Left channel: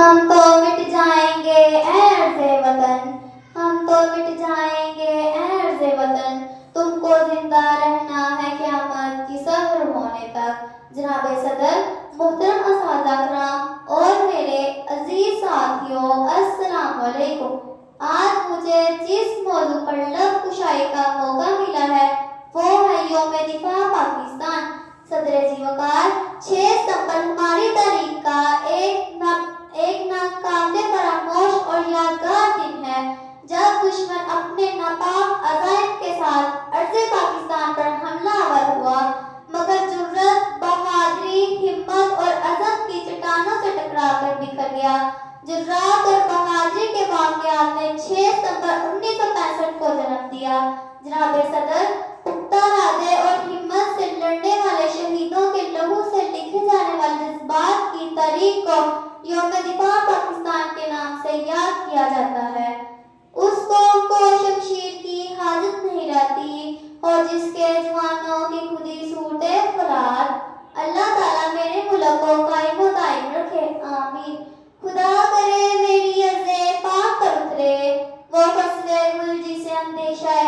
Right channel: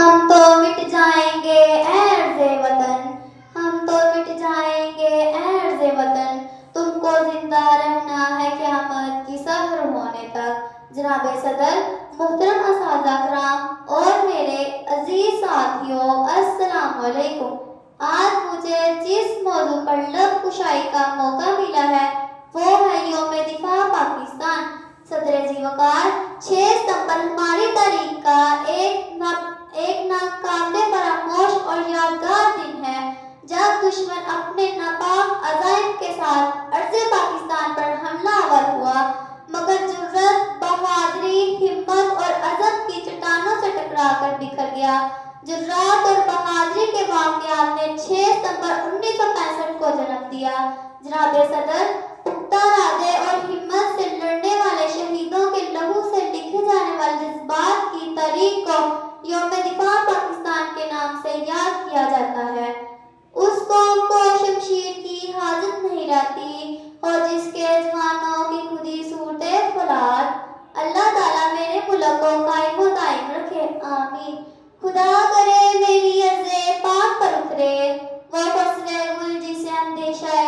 ہم تو مٹ جائیں گے اے عرض وطن، ہم تو مٹ جائیں گے اے عرض وطن، تم کو زندہ رہنا ہے قیامت کی سحر ہونے تک۔ جناب صدر، محترم اساتذہ کرام اور میرے عزیز ساتھیوں، السلام علیکم۔ آج مجھے جس موضوع پر لب کشائی کا موقع ملا ہے وہ ہے یوم دفاع پاکستان۔ صدر ذی وقار، 6 ستمبر ہماری تاریخ کا ایک ناقابل فراموش اور یادگار دن ہے جب دشمن اپنے ناپاک عزائم کے ساتھ ارض پاکستان پر حملہ آور ہوا، مگر جرأت، بہادری، ہمت اور عزم کی چٹانوں سے ٹکرا کر بکھر گیا۔ جرأت اور بہادری کے واقعات نے 6 ستمبر 1965 کو جنم دیا۔ جناب صدر، پختہ ارادے اور ہمت سے لڑنے والے شہیدوں کے لہو سے لکھے جانے والے جذبات کی تاریخ کو یوم دفاع پاکستان کے نام سے یاد کیا جاتا ہے۔ اس قوم کو شمشیر کی حاجت نہیں رہتی اور جس کے جوانوں کی خودی صورت فولاد۔ اللہ تعالیٰ میرے ملک کو قائم و دائم رکھے، آمین۔ خدا کرے میری ارض پاک پر اترے وہ فصل گل جسے اندیشہ